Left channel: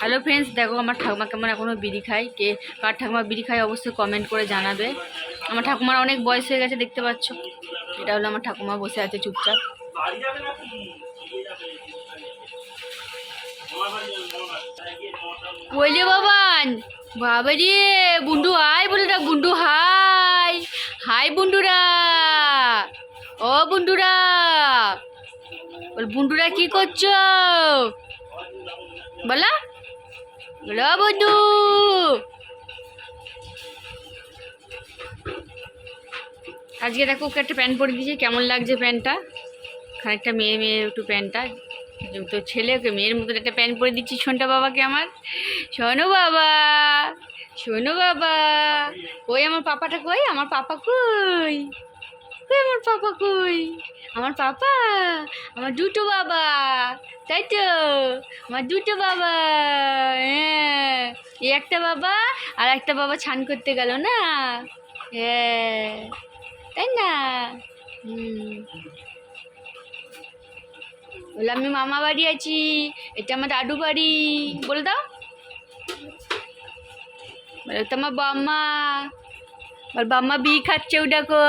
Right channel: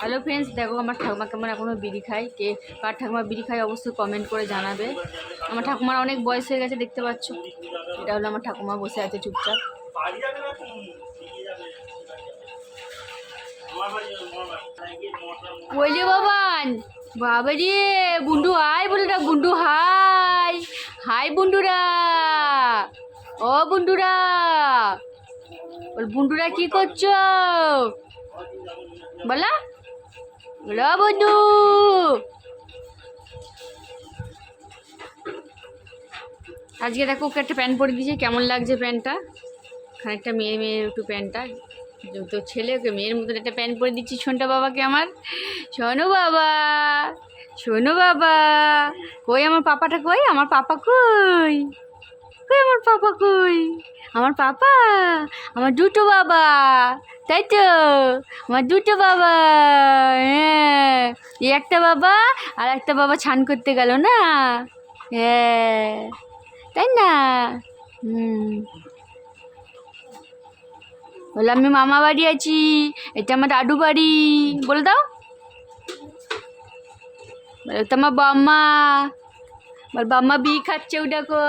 Hello friends, দেখো আমার ঠাকুমা কেমন এখনও বিড়ি খায়। কে কার ঠাকুমা বিড়ি খায় অবশ্যই কমেন্ট করে জানাবে। আমার ঠাকুমার অনেক বয়স হয়ে গেছে, দেখতে পাচ্ছ। এটা হলো আমার ঠাকুমা, বসে আছে চুপচাপ। বলে বাবান, বাবা রে বুন্ডু হাই বলুরা, বুন্ডু হাই হাই বুন্ডুরা, ও বুন্ডুরা, বল বুন্ডুরা কি করছো বলা, বলো বন্ধু। আজকে দেখো ওকে একটা প্যান্ট পরে দিয়েছি, কেমন লাগছে প্যান্টটা, খানিকটা মেয়ে মেয়ে একটু প্যান্টটা। তো ছেলে ওকে মেয়ের মতন একটা প্যান্ট পরে দিচ্ছি শোনটা বাবাকে আমার। শোনো বাবা, শোনো বাবা, কই আমার পাপাটা, কই আমার পাপা, কই কই আমার পাপা, কই আমার পাপা, আমার দুটো বাবা, তাই তো আমার দুটো বাবা। হ্যাঁ, এই একটা বাবা আর একটা বাবা ছান করতে গেল না, হ্যাঁ তাই না। বলে আমি মামা বাড়ি আছি, এটা আমার দাদু বাড়ি, বলে দাও। বলে তো আমার বাম্মা, বল বাম্মা বিড়ি খাচ্ছে, ও দেখো।